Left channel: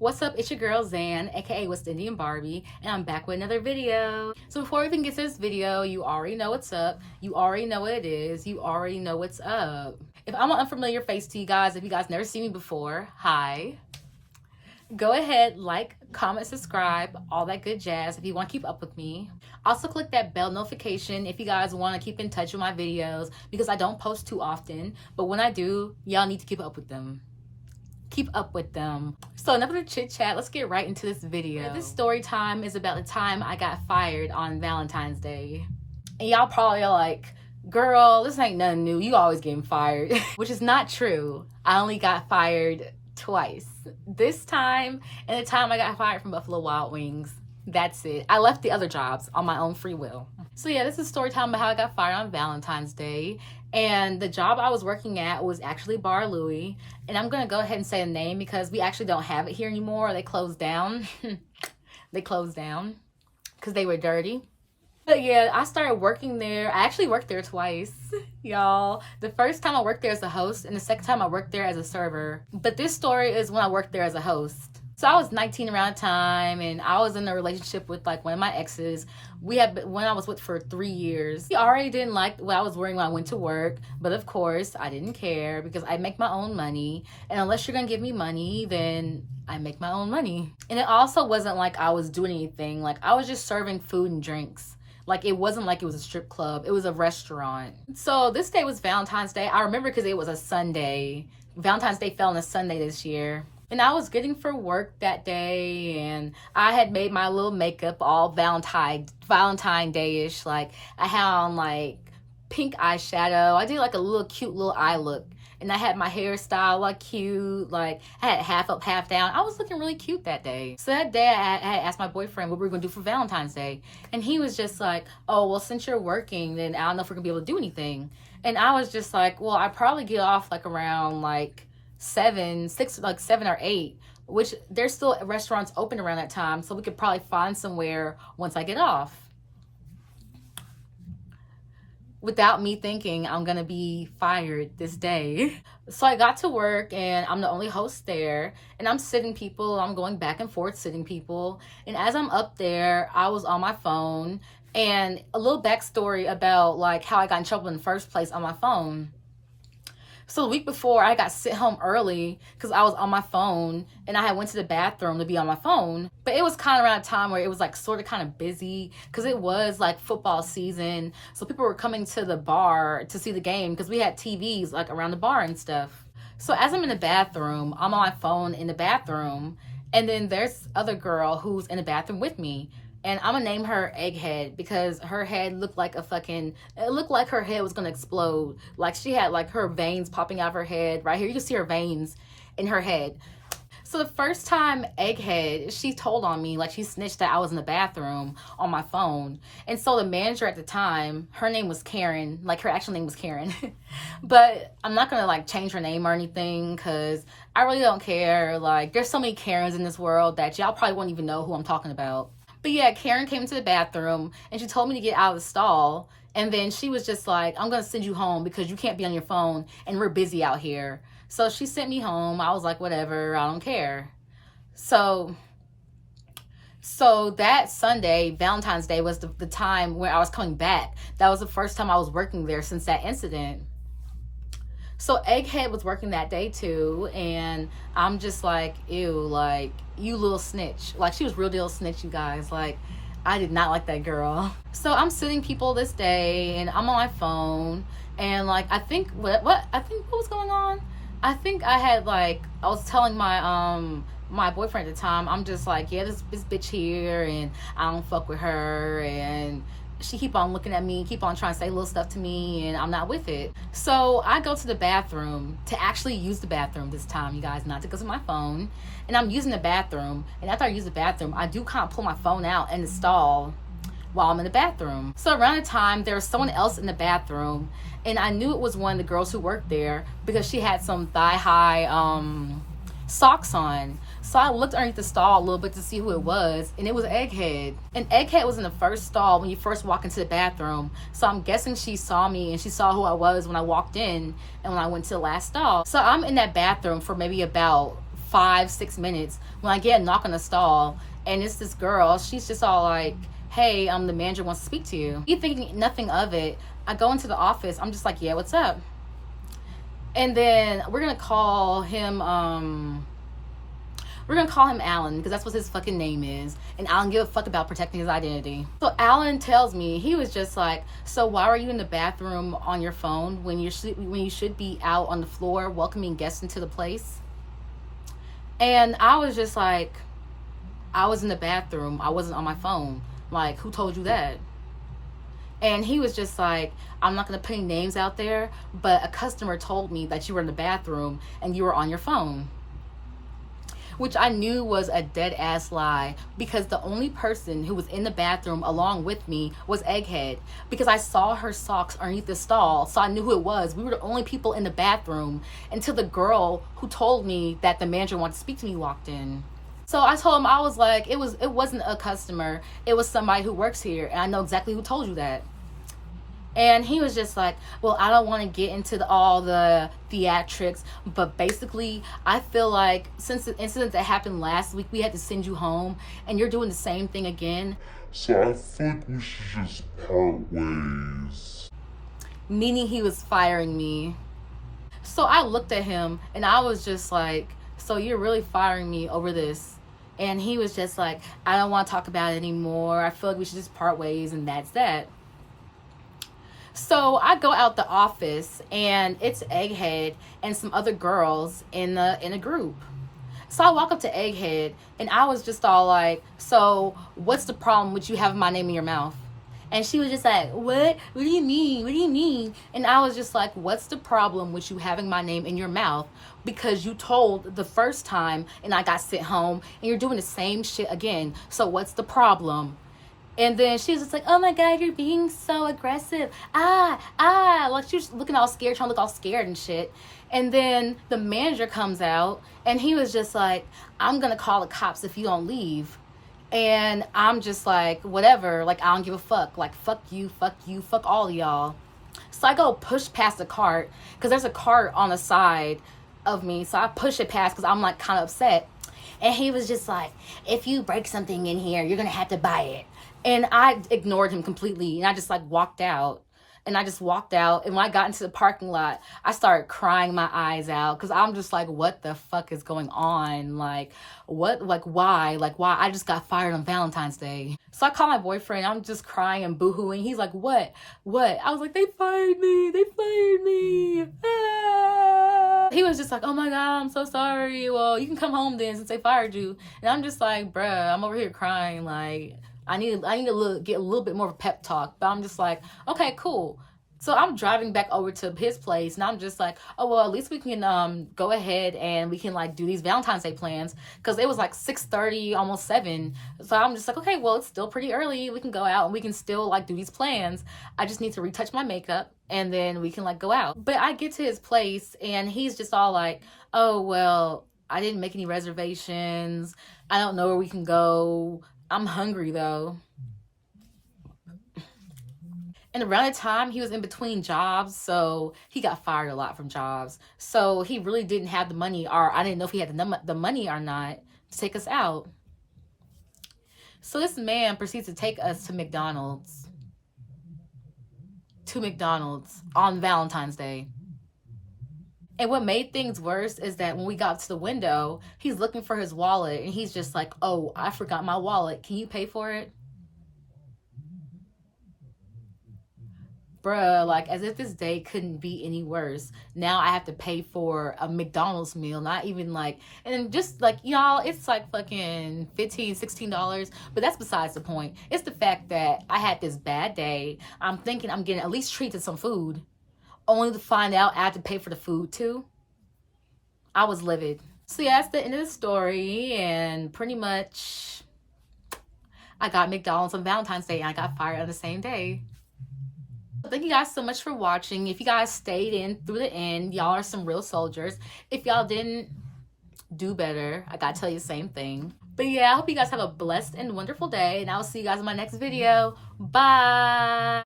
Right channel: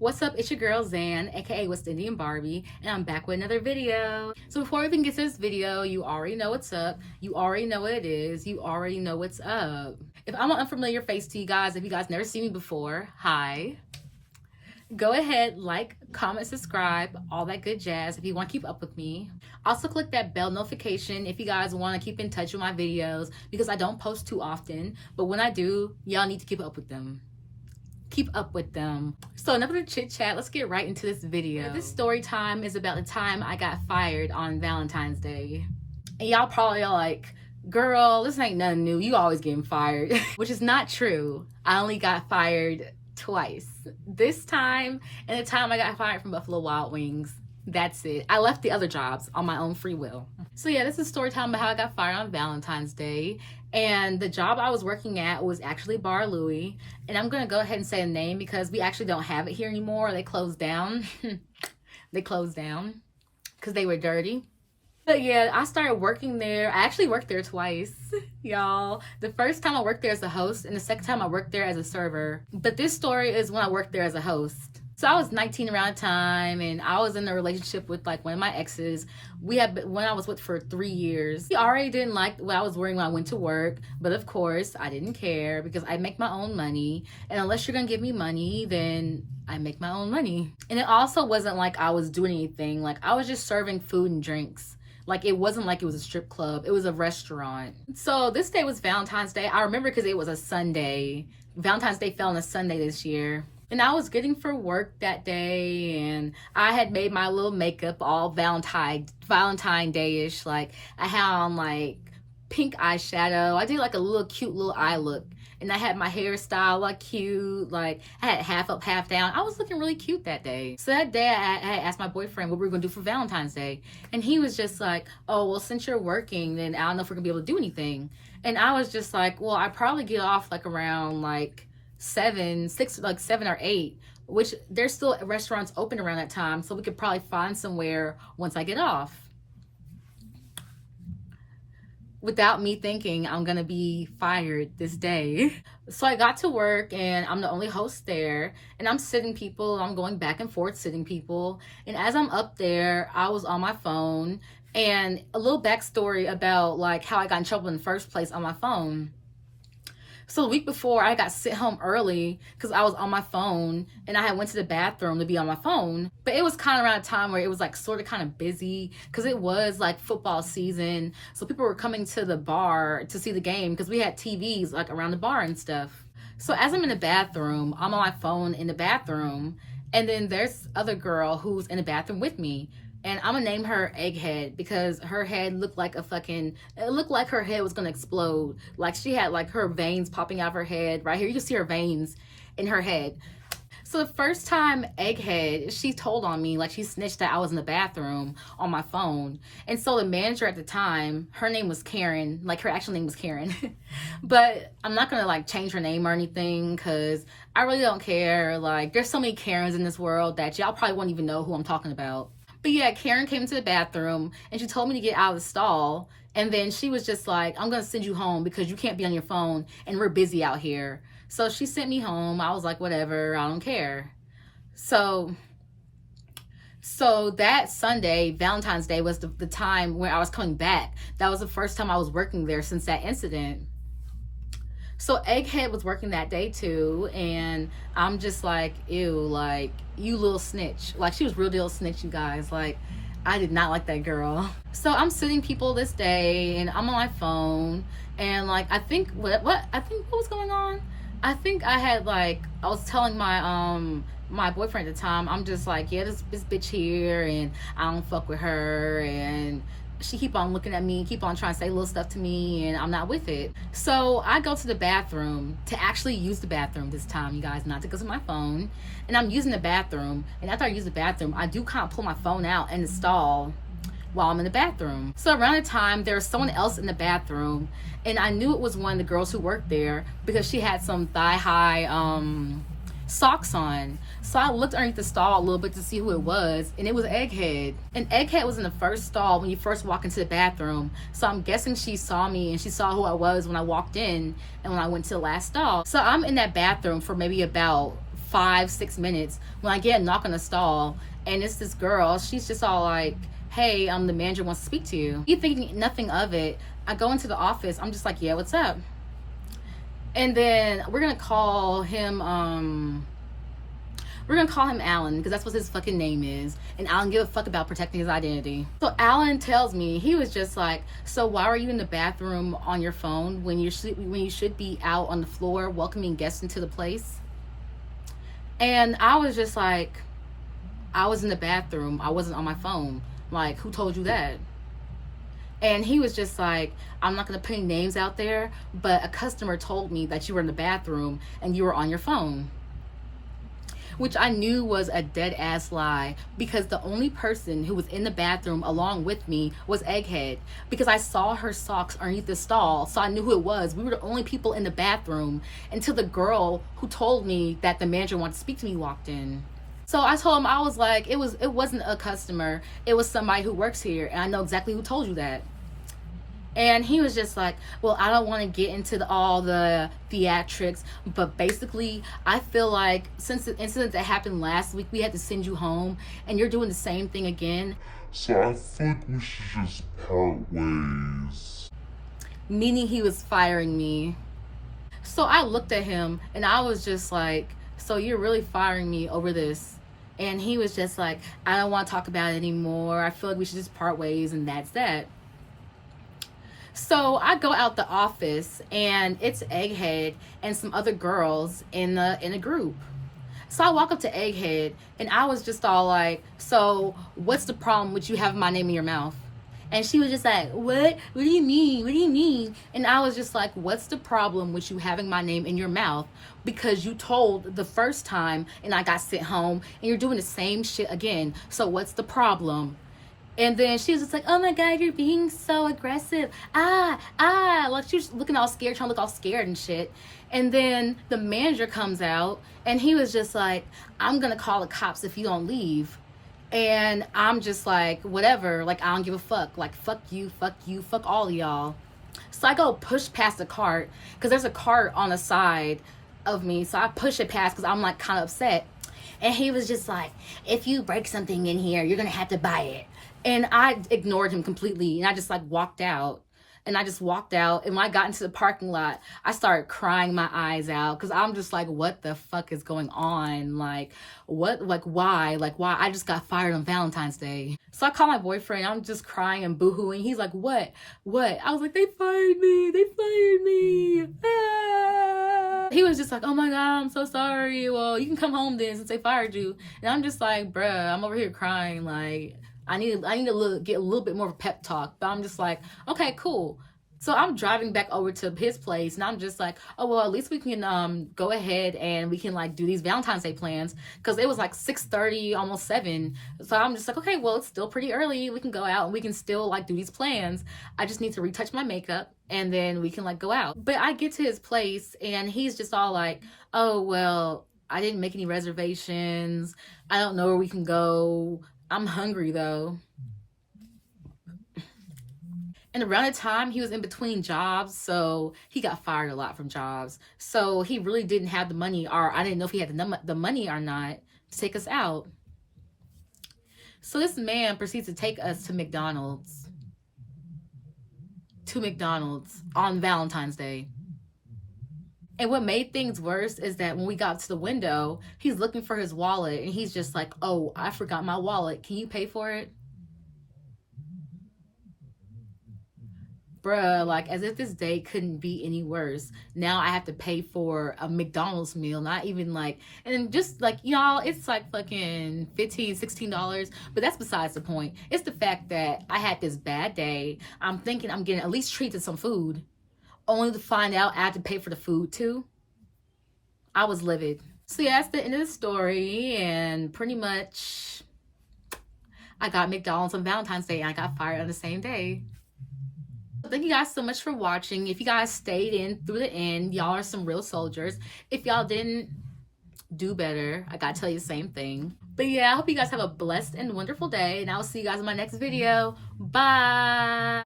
What's up? It's your girl Zan, aka West Indian Barbie, and I'm back with another video. So before we even get to this video, you already know what's up. You already know what it is. You already know what's up. If I'm an unfamiliar face to you guys, if you guys never seen me before, hi. Go ahead, like, comment, subscribe, all that good jazz if you want to keep up with me. Also click that bell notification if you guys want to keep in touch with my videos, because I don't post too often, but when I do, y'all need to keep up with them. Keep up with them. So enough of the chit chat, let's get right into this video. This story time is about the time I got fired on Valentine's Day. And y'all probably are like, girl, this ain't nothing new. You always getting fired. Which is not true. I only got fired twice. This time and the time I got fired from Buffalo Wild Wings. That's it. I left the other jobs on my own free will. So yeah, this is story time about how I got fired on Valentine's Day. And the job I was working at was actually Bar Louie. And I'm going to go ahead and say a name because we actually don't have it here anymore. They closed down. They closed down because they were dirty. But yeah, I started working there. I actually worked there twice, y'all. The first time I worked there as a host and the second time I worked there as a server. But this story is when I worked there as a host. So I was 19 around the time and I was in a relationship with like one of my exes. When I was with for 3 years. He already didn't like what I was wearing when I went to work, but of course I didn't care because I make my own money, and unless you're gonna give me money, then I make my own money. And it also wasn't like I was doing anything. Like I was just serving food and drinks. Like it wasn't like it was a strip club. It was a restaurant. So this day was Valentine's Day. I remember because it was a Sunday. Valentine's Day fell on a Sunday this year. And I was getting for work that day, and I had made my little makeup all Valentine Day-ish. Like I had on like pink eyeshadow. I did like a little cute little eye look, and I had my hairstyle like cute. Like I had half up, half down. I was looking really cute that day. So that day I had asked my boyfriend what we were gonna do for Valentine's Day, and he was just like, "Oh, well, since you're working, then I don't know if we're gonna be able to do anything." And I was just like, "Well, I probably get off like around like 7 or 8, which there's still restaurants open around that time, so we could probably find somewhere once I get off." Without me thinking I'm gonna be fired this day. So I got to work and I'm the only host there, and I'm sitting people, I'm going back and forth sitting people, and as I'm up there I was on my phone. And a little backstory about like how I got in trouble in the first place on my phone. So the week before, I got sent home early because I was on my phone and I had went to the bathroom to be on my phone. But it was kind of around a time where it was like sort of kind of busy because it was like football season. So people were coming to the bar to see the game because we had TVs like around the bar and stuff. So as I'm in the bathroom, I'm on my phone in the bathroom. And then there's other girl who's in the bathroom with me. And I'm gonna name her Egghead because her head looked like it looked like her head was gonna explode. Like she had like her veins popping out of her head. Right here, you can see her veins in her head. So the first time Egghead, she told on me, like she snitched that I was in the bathroom on my phone. And so the manager at the time, her name was Karen, like her actual name was Karen. But I'm not gonna like change her name or anything because I really don't care. Like there's so many Karens in this world that y'all probably won't even know who I'm talking about. But yeah, Karen came to the bathroom and she told me to get out of the stall. And then she was just like, "I'm going to send you home because you can't be on your phone and we're busy out here." So she sent me home. I was like, whatever, I don't care. So that Sunday, Valentine's Day, was the time where I was coming back. That was the first time I was working there since that incident. So Egghead was working that day too, and I'm just like, ew, like, you little snitch. Like, she was real deal snitch, you guys. Like, I did not like that girl. So I'm sitting people this day, and I'm on my phone, and like, I think what was going on? I think I had like, I was telling my boyfriend at the time, I'm just like, yeah, this bitch here, and I don't fuck with her, and she keep on looking at me, keep on trying to say little stuff to me, and I'm not with it. So I go to the bathroom to actually use the bathroom this time, you guys, not to go to my phone. And I'm using the bathroom, and after I use the bathroom, I do kind of pull my phone out in the stall while I'm in the bathroom. So around the time, there was someone else in the bathroom, and I knew it was one of the girls who worked there because she had some thigh-high socks on. So I looked underneath the stall a little bit to see who it was, and it was Egghead. And Egghead was in the first stall when you first walk into the bathroom. So I'm guessing she saw me, and she saw who I was when I walked in and when I went to the last stall. So I'm in that bathroom for maybe about 5-6 minutes when I get a knock on the stall, and it's this girl. She's just all like, hey, the manager wants to speak to you. You thinking nothing of it. I go into the office. I'm just like, yeah, what's up? And then we're gonna call him Alan, because that's what his fucking name is. And I don't give a fuck about protecting his identity. So Alan tells me, he was just like, so why are you in the bathroom on your phone when you should be out on the floor welcoming guests into the place? And I was just like, I was in the bathroom. I wasn't on my phone. Like, who told you that? And he was just like, I'm not going to put any names out there, but a customer told me that you were in the bathroom and you were on your phone. Which I knew was a dead ass lie, because the only person who was in the bathroom along with me was Egghead, because I saw her socks underneath the stall, so I knew who it was. We were the only people in the bathroom until the girl who told me that the manager wanted to speak to me walked in. So I told him, I was like, it wasn't a customer, it was somebody who works here, and I know exactly who told you that. And he was just like, well, I don't want to get into all the theatrics, but basically, I feel like since the incident that happened last week, we had to send you home, and you're doing the same thing again. So I feel like we should just part ways. Meaning he was firing me. So I looked at him, and I was just like, so you're really firing me over this? And he was just like, I don't want to talk about it anymore. I feel like we should just part ways, and that's that. So I go out the office, and it's Egghead and some other girls in a group. So I walk up to Egghead, and I was just all like, so what's the problem with you having my name in your mouth? And she was just like, what? What do you mean? What do you mean? And I was just like, what's the problem with you having my name in your mouth? Because you told the first time and I got sent home, and you're doing the same shit again. So what's the problem? And then she was just like, oh my God, you're being so aggressive. Like she was looking all scared, trying to look all scared and shit. And then the manager comes out, and he was just like, I'm going to call the cops if you don't leave. And I'm just like, whatever. Like, I don't give a fuck. Like, fuck you, fuck all of y'all. So I go push past the cart, because there's a cart on the side of me. So I push it past, because I'm like kind of upset. And he was just like, if you break something in here, you're going to have to buy it. And I ignored him completely, and I just like walked out. And when I got into the parking lot, I started crying my eyes out, because I'm just like, what the fuck is going on? Like, what? Like, why? I just got fired on Valentine's Day. So I call my boyfriend. I'm just crying and boohooing. He's like, what? I was like, they fired me. Ah. He was just like, oh my God, I'm so sorry. Well, you can come home then, since they fired you. And I'm just like, bruh, I'm over here crying. Like, I need to get a little bit more of a pep talk. But I'm just like, okay, cool. So I'm driving back over to his place, and I'm just like, oh, well, at least we can go ahead and we can like do these Valentine's Day plans, because it was like 6:30, almost 7. So I'm just like, okay, well, it's still pretty early. We can go out and we can still like do these plans. I just need to retouch my makeup, and then we can like go out. But I get to his place, and he's just all like, oh, well, I didn't make any reservations. I don't know where we can go. I'm hungry though. And around the time, he was in between jobs, so he got fired a lot from jobs. So he really didn't have the money, or I didn't know if he had the money or not to take us out. So this man proceeds to take us to McDonald's. On Valentine's Day. And what made things worse is that when we got to the window, he's looking for his wallet, and he's just like, oh, I forgot my wallet. Can you pay for it? Bruh, like, as if this day couldn't be any worse. Now I have to pay for a McDonald's meal, not even like, and just like, y'all, it's like fucking $15, $16, but that's besides the point. It's the fact that I had this bad day. I'm thinking I'm getting at least treated some food, only to find out I had to pay for the food too. I was livid. So yeah, that's the end of the story, and pretty much I got McDonald's on Valentine's Day, and I got fired on the same day. Thank you guys so much for watching. If you guys stayed in through the end, y'all are some real soldiers. If y'all didn't, do better. I gotta tell you the same thing. But yeah, I hope you guys have a blessed and wonderful day, and I'll see you guys in my next video. Bye.